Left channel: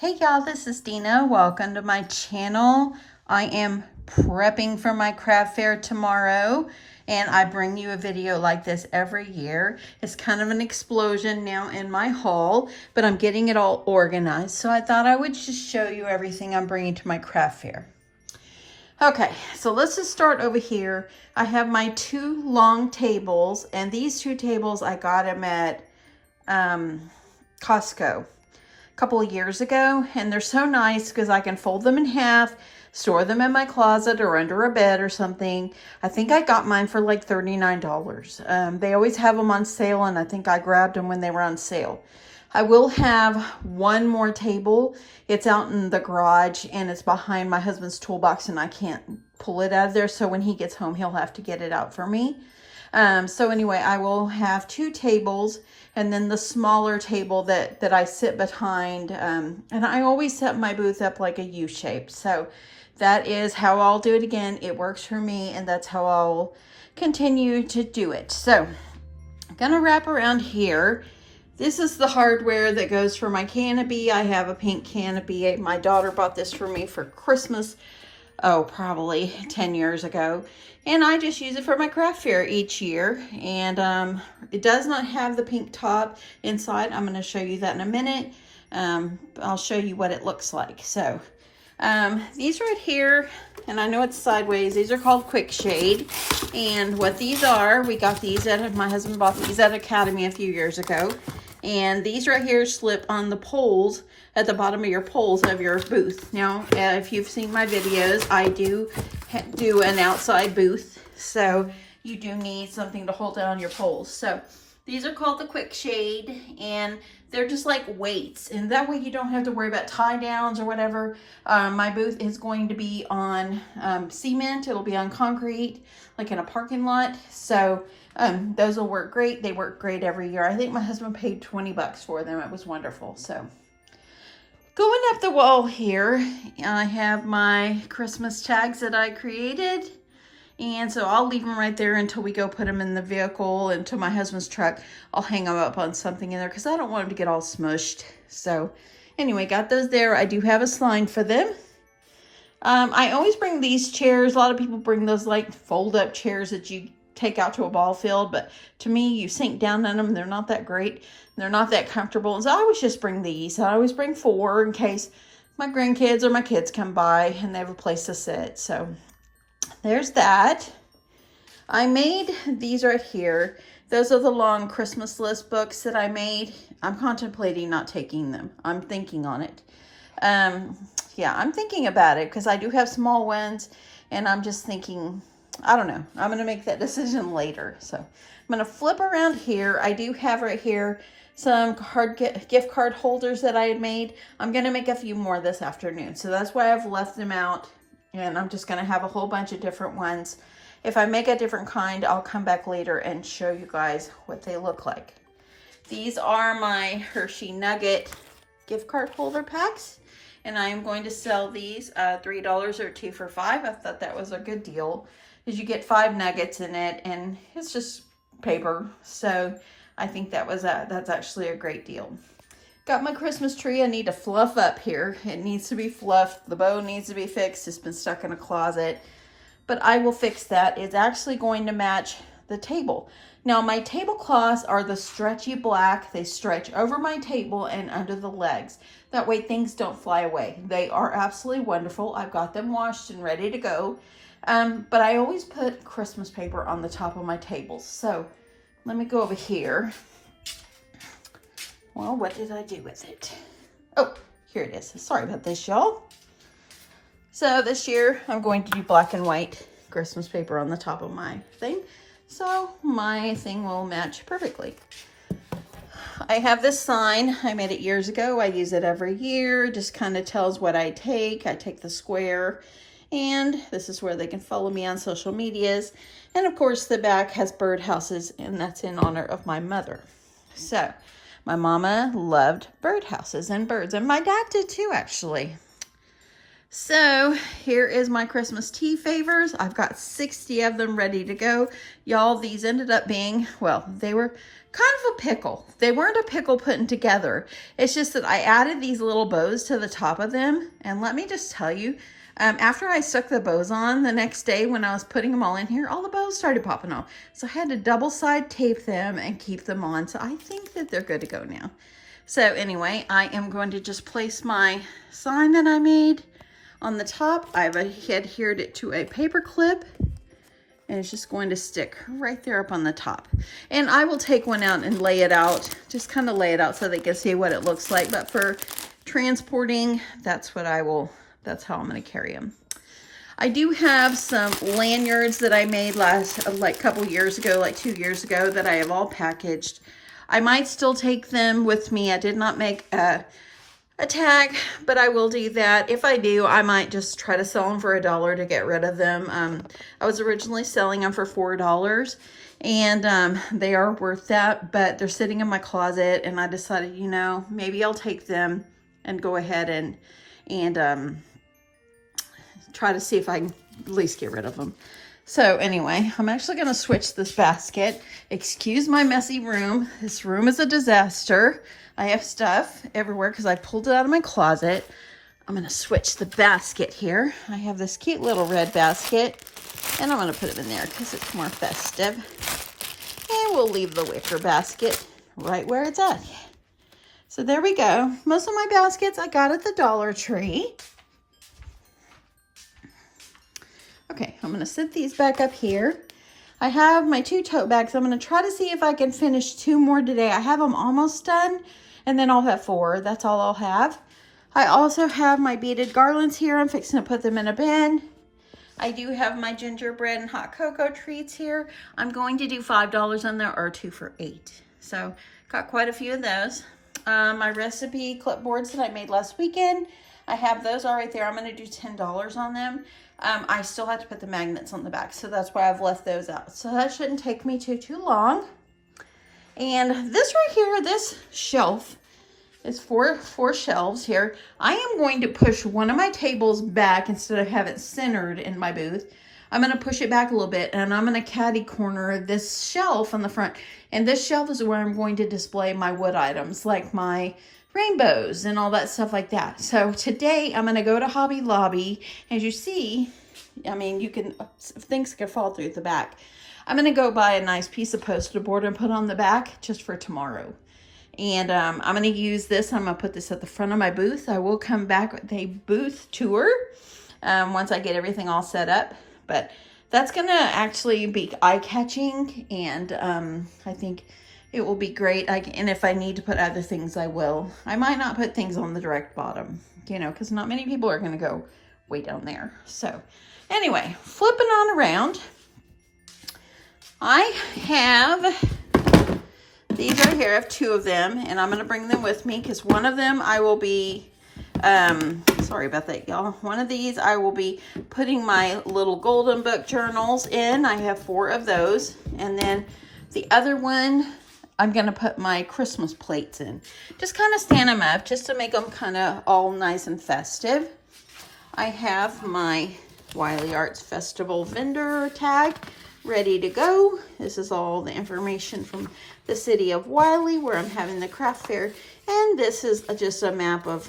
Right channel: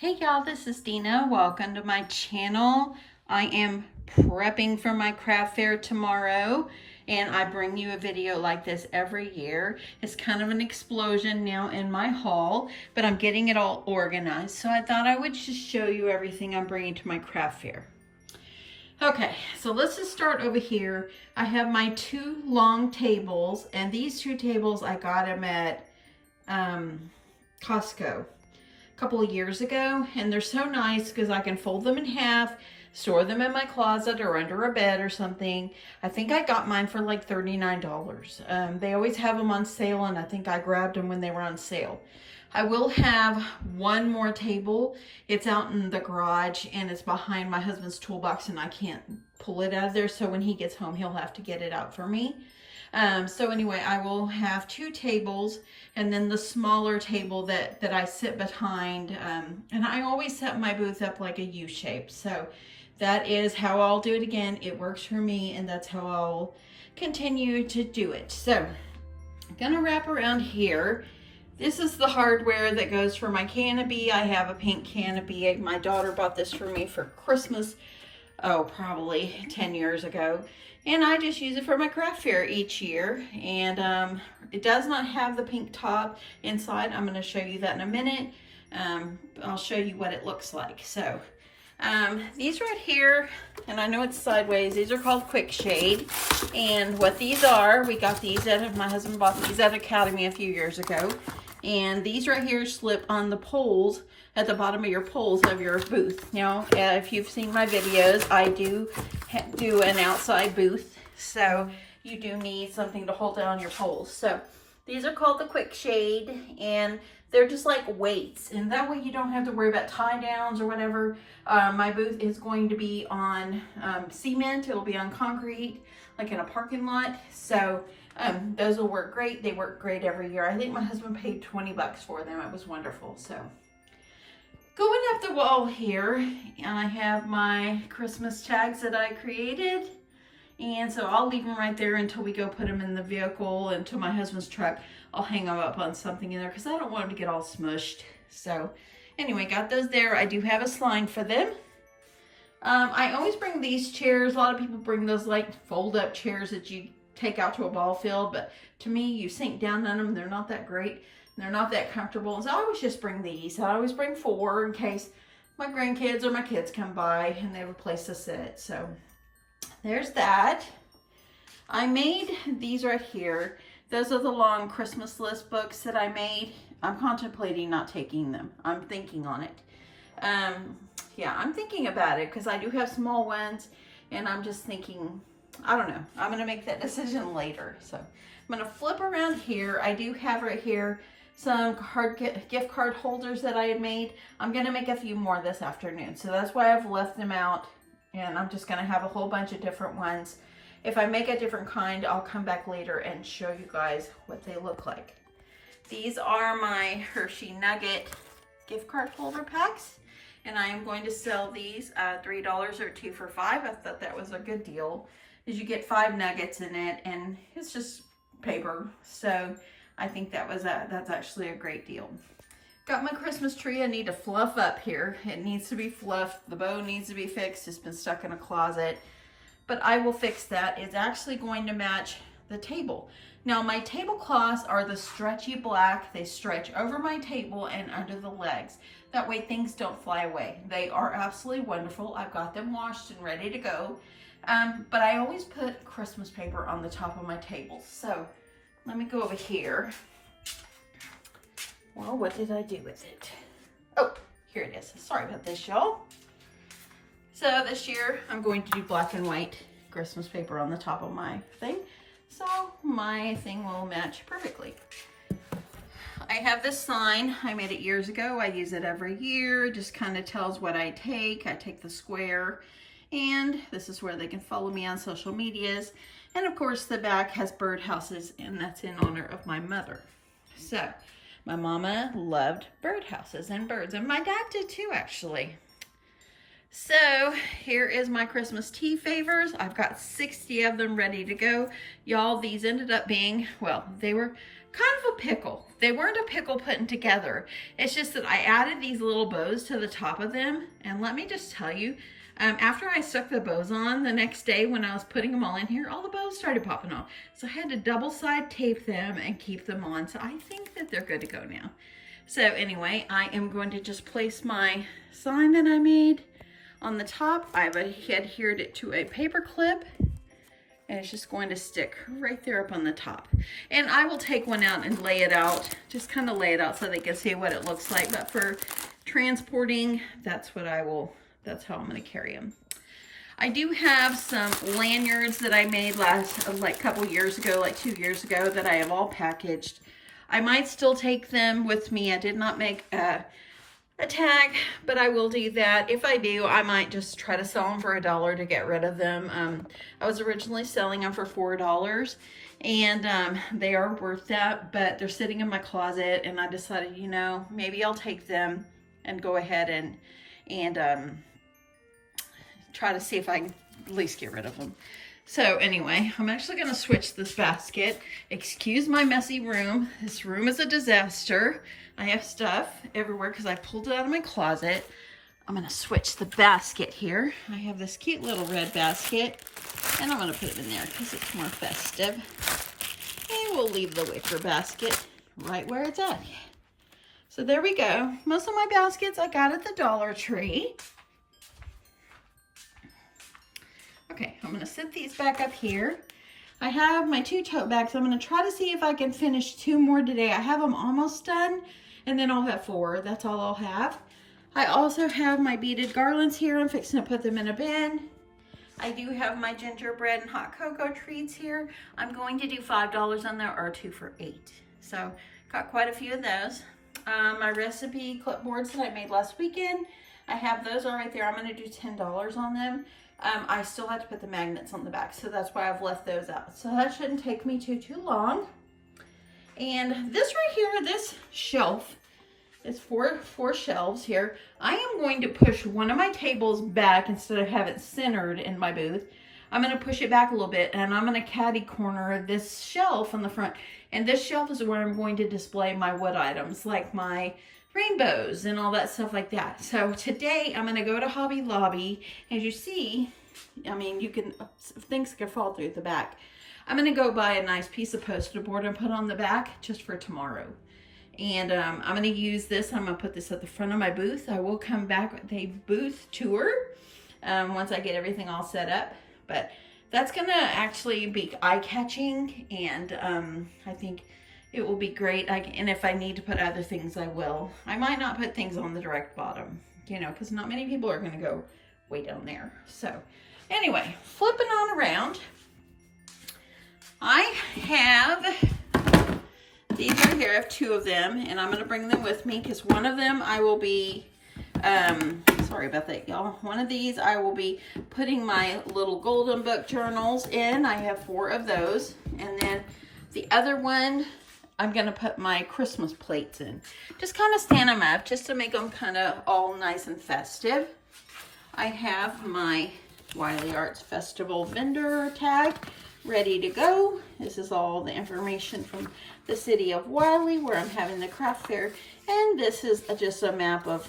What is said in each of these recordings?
Hey y'all, this is Dina. Welcome to my channel. I am prepping for my craft fair tomorrow, and I bring you a video like this every year. It's kind of an explosion now in my haul, but I'm getting it all organized, so I thought I would just show you everything I'm bringing to my craft fair. Okay, so let's just start over here. I have my two long tables, and these two tables I got them at Costco couple of years ago, and they're so nice because I can fold them in half, store them in my closet or under a bed or something. I think I got mine for like $39. They always have them on sale, and I think I grabbed them when they were on sale. I will have one more table. It's out in the garage and it's behind my husband's toolbox, and I can't pull it out of there, so when he gets home he'll have to get it out for me. So anyway, I will have two tables, and then the smaller table that I sit behind. And I always set my booth up like a U shape. So that is how I'll do it again. It works for me, and that's how I'll continue to do it. So I'm gonna wrap around here. This is the hardware that goes for my canopy. I have a pink canopy. My daughter bought this for me for Christmas, oh, probably 10 years ago. And I just use it for my craft fair each year. And it does not have the pink top inside. I'm going to show you that in a minute. I'll show you what it looks like. So these right here, and I know it's sideways, these are called Quick Shade. And what these are, we got these at, my husband bought these at Academy a few years ago. And these right here slip on the poles at the bottom of your poles of your booth. Now, if you've seen my videos, I do an outside booth, so you do need something to hold down your poles. So these are called the Quick Shade, and they're just like weights, and that way you don't have to worry about tie downs or whatever. My booth is going to be on cement. It'll be on concrete, like in a parking lot. So those will work great. They work great every year. I think my husband paid 20 bucks for them. It was wonderful. So going up the wall here, I have my Christmas tags that I created. And so I'll leave them right there until we go put them in the vehicle, into my husband's truck. I'll hang them up on something in there because I don't want them to get all smushed. So anyway, got those there. I do have a sign for them. I always bring these chairs. A lot of people bring those like fold up chairs that you take out to a ball field, but to me, you sink down on them. They're not that great. They're not that comfortable. And so I always just bring these. I always bring 4 in case my grandkids or my kids come by and they have a place to sit. So there's that. I made these right here. Those are the long Christmas list books that I made. I'm contemplating not taking them. I'm thinking on it. Yeah, I'm thinking about it because I do have small ones, and I'm just thinking, I don't know. I'm going to make that decision later. So I'm going to flip around here. I do have right here some gift card holders that I had made. I'm going to make a few more this afternoon. So that's why I've left them out. And I'm just going to have a whole bunch of different ones. If I make a different kind, I'll come back later and show you guys what they look like. These are my Hershey Nugget gift card holder packs. And I am going to sell these $3 or 2 for $5. I thought that was a good deal, because you get 5 nuggets in it, and it's just paper. So I think that's actually a great deal. Got my Christmas tree. I need to fluff up here. It needs to be fluffed. The bow needs to be fixed. It's been stuck in a closet, but I will fix that. It's actually going to match the table. Now, my tablecloths are the stretchy black. They stretch over my table and under the legs. That way things don't fly away. They are absolutely wonderful. I've got them washed and ready to go. But I always put Christmas paper on the top of my tables. So let me go over here. Well, what did I do with it? Oh, here it is. Sorry about this, y'all. So this year I'm going to do black and white Christmas paper on the top of my thing, so my thing will match perfectly. I have this sign. I made it years ago. I use it every year. It just kind of tells what I take. I take the square, and this is where they can follow me on social medias. And of course the back has birdhouses, and that's in honor of my mother. So my mama loved birdhouses and birds, and my dad did too, actually. So here is my Christmas tea favors. I've got 60 of them ready to go. Y'all, these ended up being, well, they were kind of a pickle. They weren't a pickle putting together. It's just that I added these little bows to the top of them. And let me just tell you, after I stuck the bows on the next day when I was putting them all in here, all the bows started popping off. So I had to double side tape them and keep them on. So I think that they're good to go now. So anyway, I am going to just place my sign that I made on the top. I've adhered it to a paper clip. And it's just going to stick right there up on the top. And I will take one out and lay it out, just kind of lay it out so they can see what it looks like. But for transporting, that's how I'm going to carry them. I do have some lanyards that I made like a couple years ago, like 2 years ago, that I have all packaged. I might still take them with me. I did not make a tag, but I will do that. If I do, I might just try to sell them for $1 to get rid of them. I was originally selling them for $4, and they are worth that, but they're sitting in my closet, and I decided, you know, maybe I'll take them and go ahead and try to see if I can at least get rid of them. So anyway, I'm actually going to switch this basket. Excuse my messy room. This room is a disaster. I have stuff everywhere because I pulled it out of my closet. I'm going to switch the basket here. I have this cute little red basket, and I'm going to put it in there because it's more festive. And we'll leave the wicker basket right where it's at. So there we go. Most of my baskets I got at the Dollar Tree. Okay, I'm going to sit these back up here. I have my 2 tote bags. I'm going to try to see if I can finish 2 more today. I have them almost done. And then I'll have 4. That's all I'll have. I also have my beaded garlands here. I'm fixing to put them in a bin. I do have my gingerbread and hot cocoa treats here. I'm going to do $5 on there, or 2 for $8. So got quite a few of those. My recipe clipboards that I made last weekend, I have those all right there. I'm going to do $10 on them. I still have to put the magnets on the back, so that's why I've left those out. So that shouldn't take me too long. And this right here, this shelf is four shelves here. I am going to push one of my tables back instead of have it centered in my booth. I'm going to push it back a little bit, and I'm going to caddy corner this shelf on the front. And this shelf is where I'm going to display my wood items, like my rainbows and all that stuff like that. So today I'm going to go to Hobby Lobby. As you see, I mean, things can fall through the back. I'm going to go buy a nice piece of poster board and put on the back just for tomorrow. And I'm going to use this. I'm going to put this at the front of my booth. I will come back with a booth tour once I get everything all set up. But that's going to actually be eye-catching, and I think it will be great. And if I need to put other things, I will. I might not put things on the direct bottom, you know, because not many people are going to go way down there. So anyway, flipping on around, I have these right here. I have 2 of them, and I'm going to bring them with me because one of them I will be, sorry about that, y'all. One of these I will be putting my little golden book journals in. I have 4 of those. And then the other one, I'm going to put my Christmas plates in. Just kind of stand them up just to make them kind of all nice and festive. I have my Wiley Arts Festival vendor tag ready to go. This is all the information from the city of Wiley, where I'm having the craft fair. And this is just a map of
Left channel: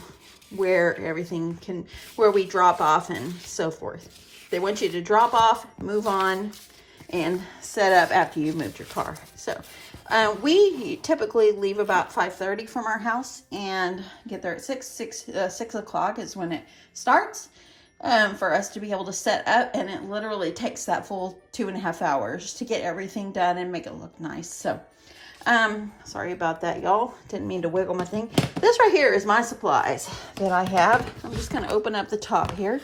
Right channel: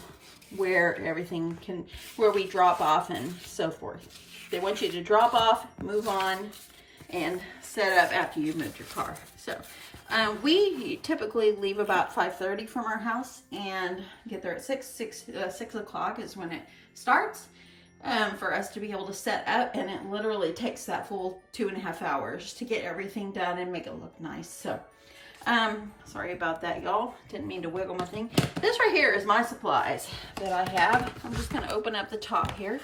where everything where we drop off and so forth. They want you to drop off, move on, and set up after you've moved your car. So we typically leave about 5:30 from our house and get there at 6 o'clock is when it starts. For us to be able to set up, and it literally takes that full 2.5 hours to get everything done and make it look nice. So sorry about that, y'all. Didn't mean to wiggle my thing. This right here is my supplies that I have. I'm just going to open up the top here.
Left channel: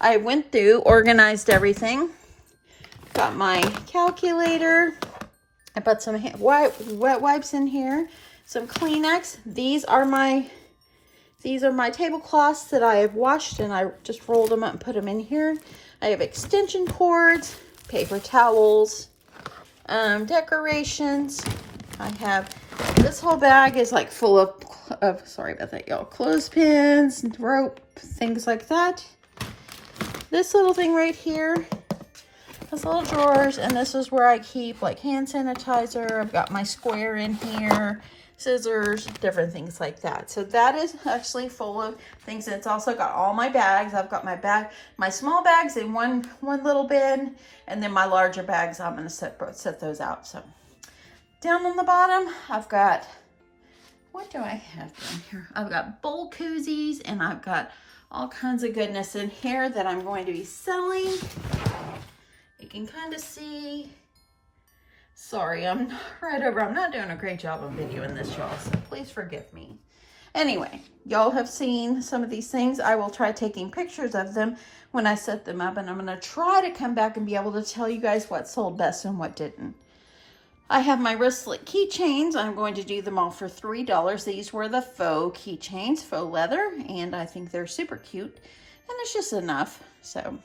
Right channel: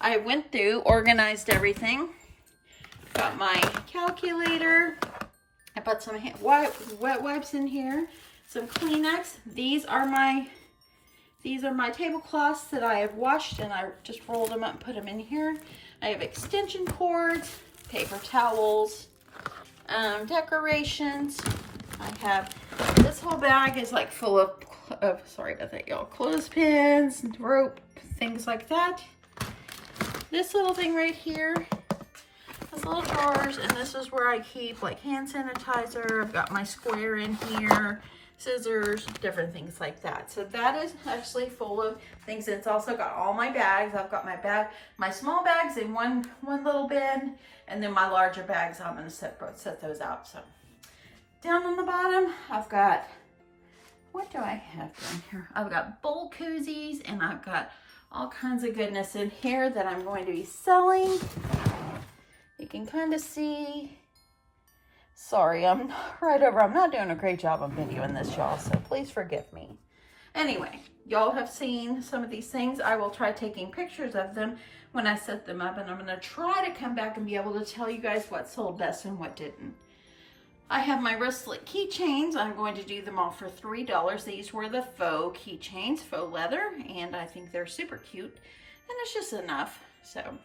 I went through, organized everything. Got my calculator. I put some wet wipes in here, some Kleenex. These are my tablecloths that I have washed, and I just rolled them up and put them in here. I have extension cords, paper towels, decorations. I have, this whole bag is like full of sorry about that, y'all, clothespins, rope, things like that. This little thing right here, has little drawers, and this is where I keep like hand sanitizer. I've got my square in here, scissors, different things like that. So that is actually full of things. It's also got all my bags. I've got my small bags in one little bin, and then my larger bags, I'm gonna set those out. So down on the bottom, I've got, what do I have down here? I've got bowl koozies, and I've got all kinds of goodness in here that I'm going to be selling. You can kind of see. Sorry, I'm right over. I'm not doing a great job of videoing this, y'all, so please forgive me. Anyway, y'all have seen some of these things. I will try taking pictures of them when I set them up, and I'm going to try to come back and be able to tell you guys what sold best and what didn't. I have my wristlet keychains. I'm going to do them all for $3. These were the faux keychains, faux leather, and I think they're super cute, and it's just enough. So,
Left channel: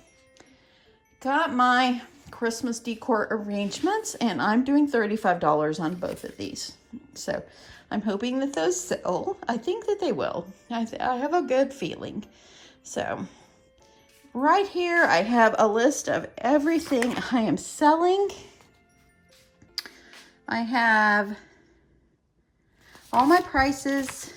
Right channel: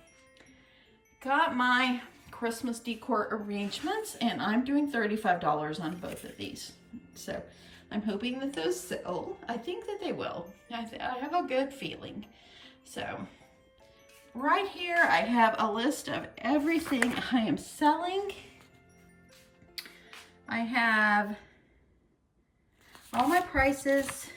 got my Christmas decor arrangements, and I'm doing $35 on both of these. So, I'm hoping that those sell. I think that they will. I have a good feeling. So, right here, I have a list of everything I am selling. I have all my prices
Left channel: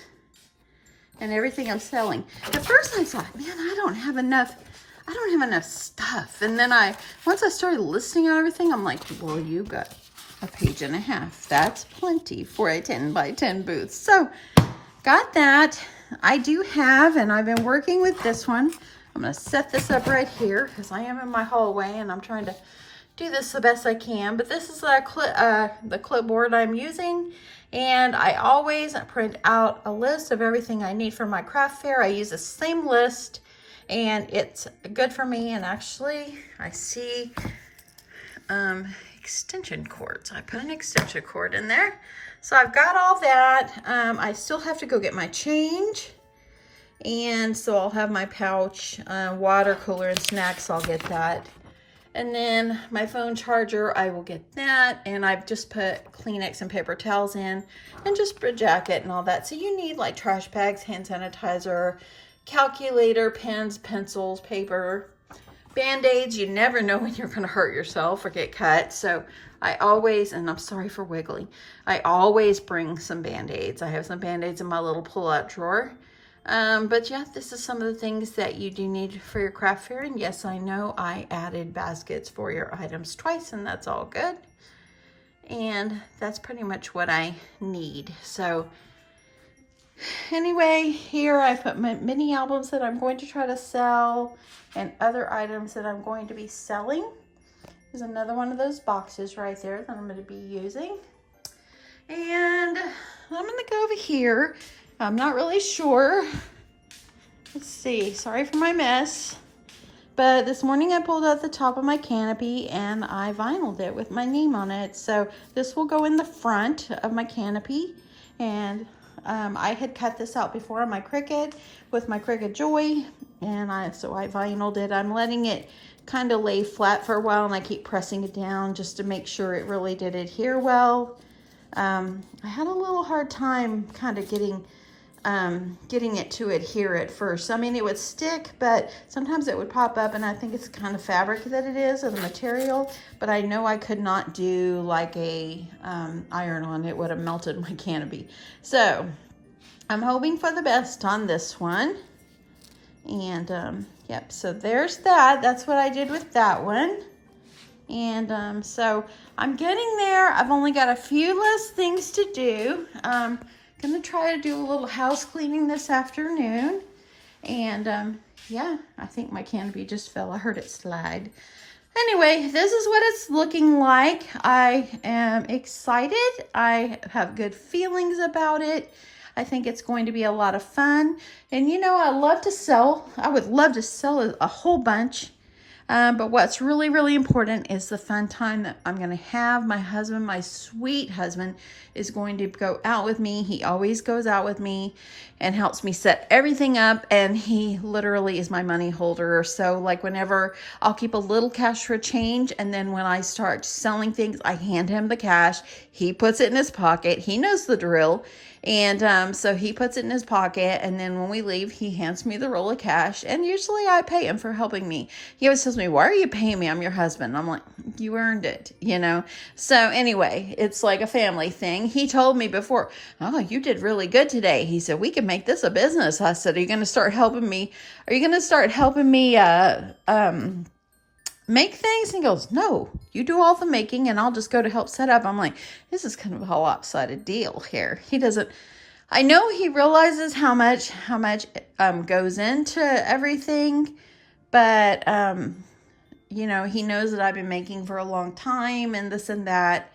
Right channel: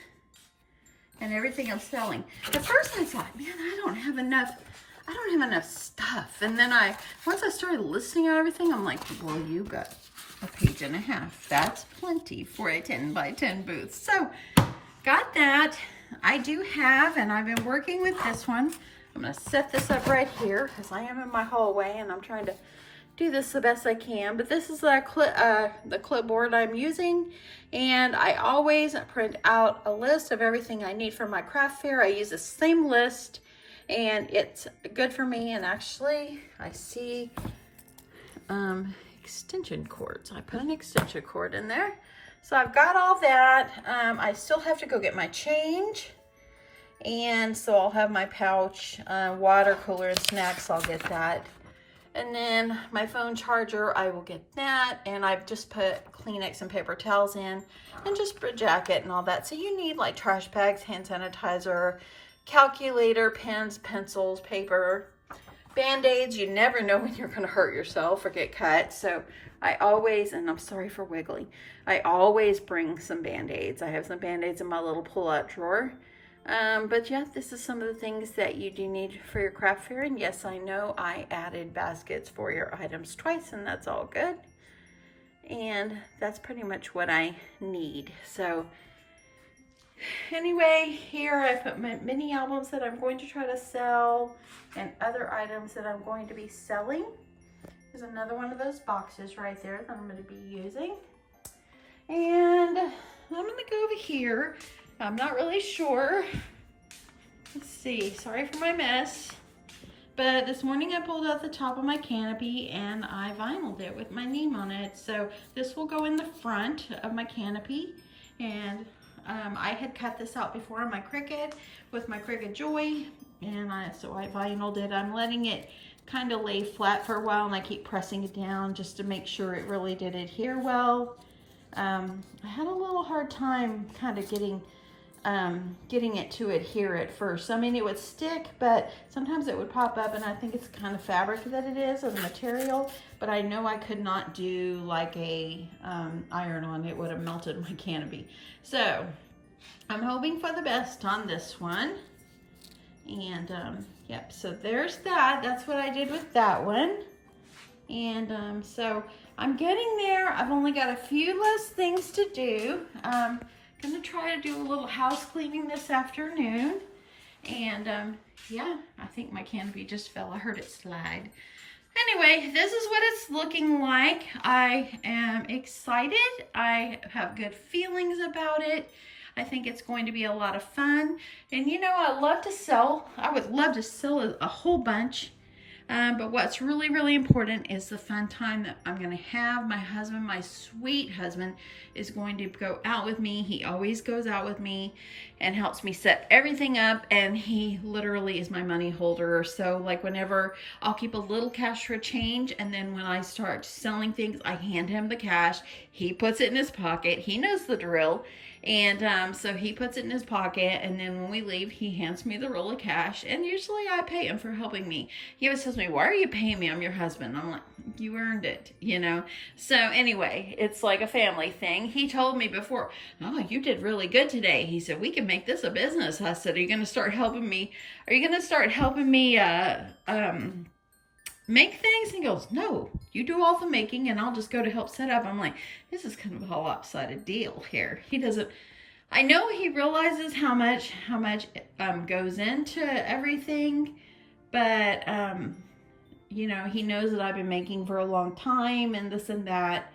and everything I'm selling. At first I thought, man, I don't have enough stuff. And then once I started listing out everything, I'm like, well, you got a page and a half. That's plenty for a 10 by 10 booth. So got that. I do have, and I've been working with this one. I'm gonna set this up right here because I am in my hallway and I'm trying to do this the best I can, but this is the clipboard I'm using, and I always print out a list of everything I need for my craft fair. I use the same list, and it's good for me. And actually, I see extension cords. I put an extension cord in there, so I've got all that. I still have to go get my change, and so I'll have my pouch, water cooler, and snacks. I'll get that. And then my phone charger, I will get that. And I've just put Kleenex and paper towels in, and just a jacket and all that. So you need like trash bags, hand sanitizer, calculator, pens, pencils, paper, Band-Aids. You never know when you're going to hurt yourself or get cut. So I always, and I'm sorry for wiggling, I always bring some Band-Aids. I have some Band-Aids in my little pull-out drawer. But yeah, this is some of the things that you do need for your craft fair. And yes, I know I added baskets for your items twice, and that's all good. And that's pretty much what I need. So anyway, here I put my mini albums that I'm going to try to sell and other items that I'm going to be selling. There's another one of those boxes right there that I'm going to be using. And I'm going to go over here. I'm not really sure. Let's see. Sorry for my mess. But this morning I pulled out the top of my canopy and I vinyled it with my name on it. So this will go in the front of my canopy. And I had cut this out before on my Cricut with my Cricut Joy. And so I vinyled it. I'm letting it kind of lay flat for a while, and I keep pressing it down just to make sure it really did adhere well. I had a little hard time kind of getting it to adhere at first. I mean, it would stick, but sometimes it would pop up, and I think it's the kind of fabric that it is, or the material, but I know I could not do like a iron on. It would have melted my canopy. So I'm hoping for the best on this one. And yep, so there's that. That's what I did with that one. And so I'm getting there. I've only got a few less things to do. Gonna try to do a little house cleaning this afternoon. And yeah, I think my canopy just fell. I heard it slide. Anyway, this is what it's looking like. I am excited. I have good feelings about it. I think it's going to be a lot of fun. And you know, I love to sell. I would love to sell a whole bunch. But what's really, really important is the fun time that I'm going to have. My husband, my sweet husband, is going to go out with me. He always goes out with me. and helps me set everything up. And he literally is my money holder. So like whenever I'll keep a little cash for change, and then when I start selling things, I hand him the cash. He puts it in his pocket. He knows the drill. And so he puts it in his pocket, and then when we leave, he hands me the roll of cash, and usually I pay him for helping me. He always tells me, why are you paying me? I'm your husband. I'm like, you earned it, you know? So anyway, it's like a family thing. He told me before, oh, you did really good today. He said, we can make this a business. I said, are you going to start helping me? Are you going to start helping me make things? And he goes, no, you do all the making and I'll just go to help set up. I'm like, this is kind of a lopsided deal here. He doesn't, I know he realizes how much goes into everything, but you know, he knows that I've been making for a long time and this and that.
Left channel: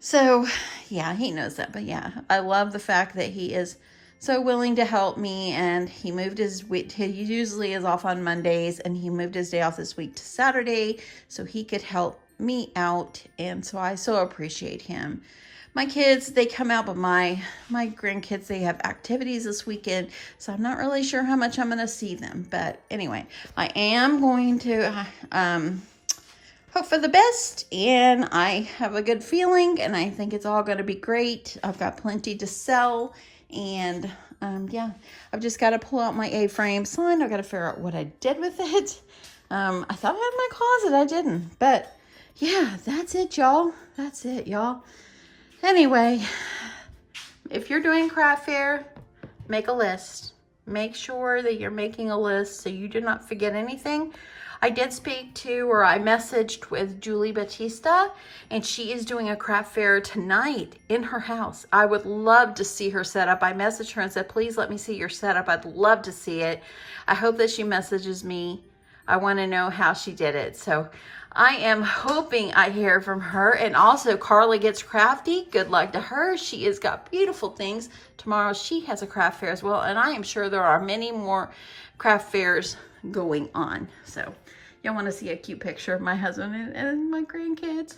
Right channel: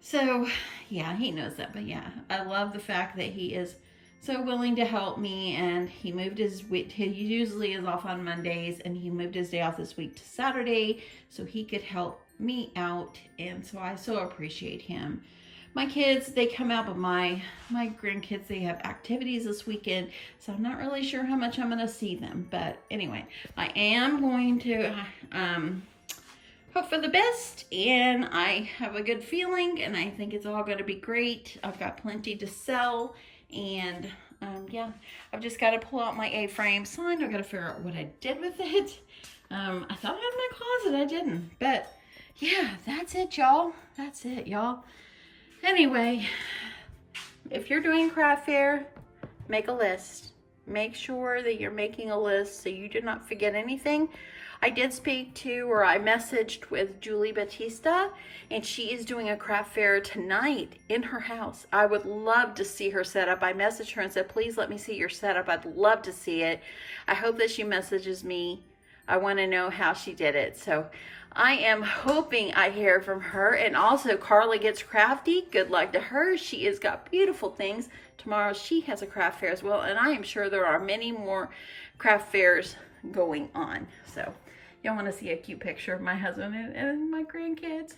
So yeah, he knows that. But yeah, I love the fact that he is so willing to help me, and he moved his week. He usually is off on Mondays, and he moved his day off this week to Saturday so he could help me out. And so I so appreciate him. My kids, they come out, but my grandkids, they have activities this weekend, so I'm not really sure how much I'm going to see them. But anyway, I am going to hope for the best, and I have a good feeling, and I think it's all going to be great. I've got plenty to sell. And yeah, I've just got to pull out my A-frame sign. I've got to figure out what I did with it. I thought I had my closet. I didn't. But yeah, that's it, y'all. That's it, y'all. Anyway, if you're doing craft fair, make a list. Make sure that you're making a list so you do not forget anything. I did speak to, or I messaged with Julie Batista, and she is doing a craft fair tonight in her house. I would love to see her setup. I messaged her and said, please let me see your setup. I'd love to see it. I hope that she messages me. I want to know how she did it. So I am hoping I hear from her. And also Carla Gets Crafty. Good luck to her. She has got beautiful things. Tomorrow she has a craft fair as well. And I am sure there are many more craft fairs going on. So y'all want to see a cute picture of my husband and my grandkids?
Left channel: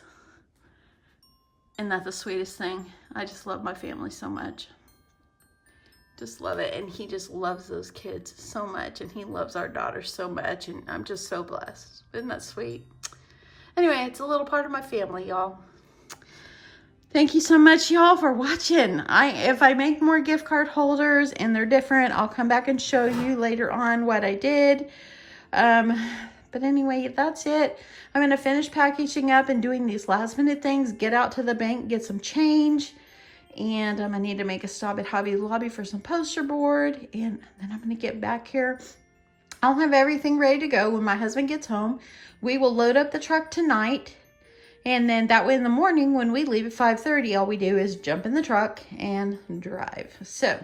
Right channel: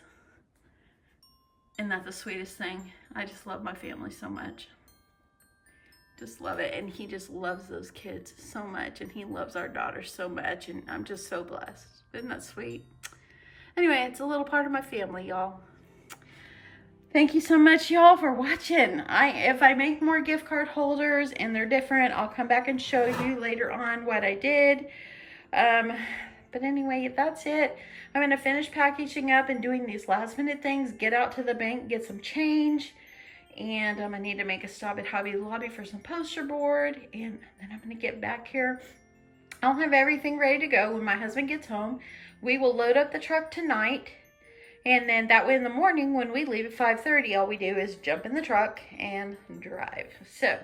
Isn't that the sweetest thing? I just love my family so much. Just love it. And he just loves those kids so much, and he loves our daughter so much, and I'm just so blessed. Isn't that sweet? Anyway, it's a little part of my family, y'all. Thank you so much, y'all, for watching. If I make more gift card holders and they're different, I'll come back and show you later on what I did. But anyway, that's it. I'm going to finish packaging up and doing these last minute things, get out to the bank, get some change. And I need to make a stop at Hobby Lobby for some poster board. And then I'm going to get back here. I'll have everything ready to go when my husband gets home. We will load up the truck tonight. And then that way in the morning when we leave at 5:30, all we do is jump in the truck and drive. So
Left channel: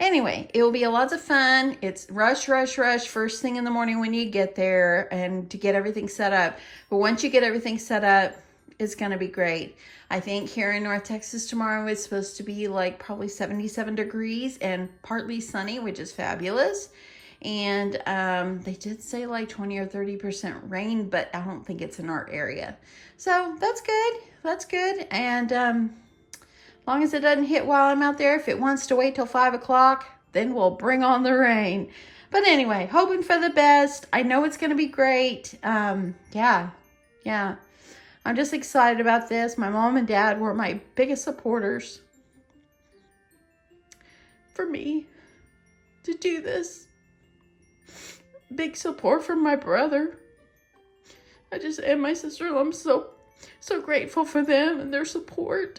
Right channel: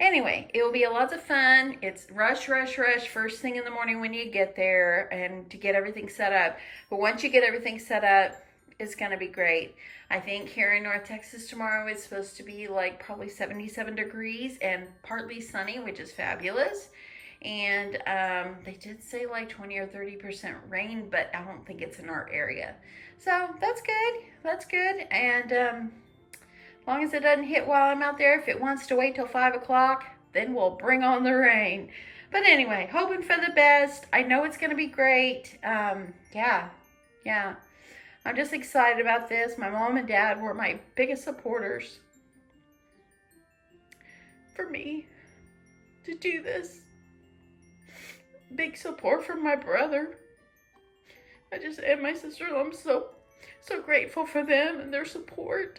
anyway, it will be lots of fun. It's rush, rush, rush first thing in the morning when you get there and to get everything set up. But once you get everything set up, it's going to be great. I think here in North Texas tomorrow is supposed to be like probably 77 degrees and partly sunny, which is fabulous. And they did say like 20 or 30% rain, but I don't think it's in our area. So that's good. That's good. And as long as it doesn't hit while I'm out there, if it wants to wait till 5 o'clock, then we'll bring on the rain. But anyway, hoping for the best. I know it's going to be great. Yeah. I'm just excited about this. My mom and dad were my biggest supporters for me to do this. Big support from my brother. And my sister. I'm so grateful for them and their support.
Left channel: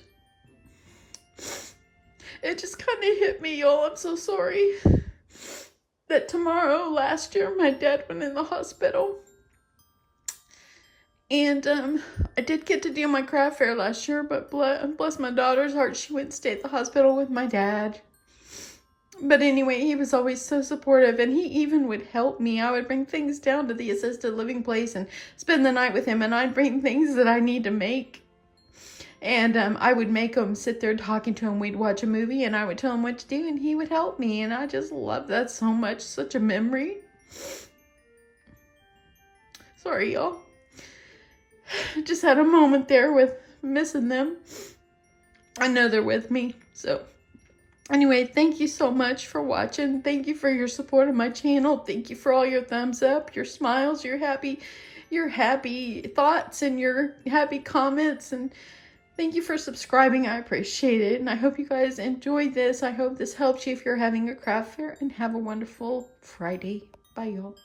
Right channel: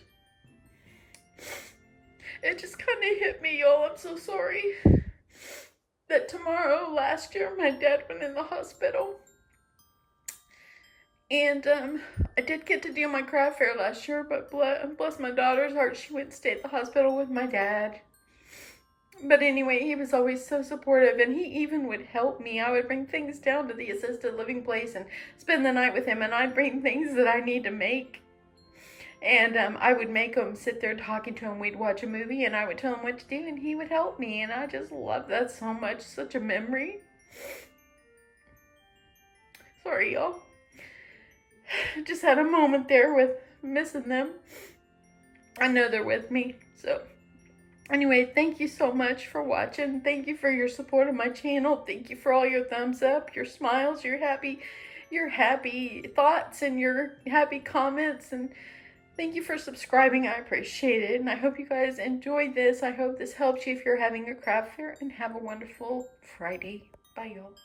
It just kind of hit me, y'all. I'm so sorry that last year, my dad went in the hospital. And I did get to do my craft fair last year, but bless my daughter's heart, she went and stayed at the hospital with my dad. But anyway, he was always so supportive, and he even would help me. I would bring things down to the assisted living place and spend the night with him, and I'd bring things that I need to make. And I would make him sit there talking to him. We'd watch a movie, and I would tell him what to do, and he would help me. And I just love that so much. Such a memory. Sorry, y'all. Just had a moment there with missing them. I know they're with me, so Anyway, thank you so much for watching. Thank you for your support of my channel. Thank you for all your thumbs up, your smiles, your happy thoughts, and your happy comments. And thank you for subscribing. I appreciate it. And I hope you guys enjoyed this. I hope this helps you if you're having a craft fair. And have a wonderful Friday. Bye, y'all.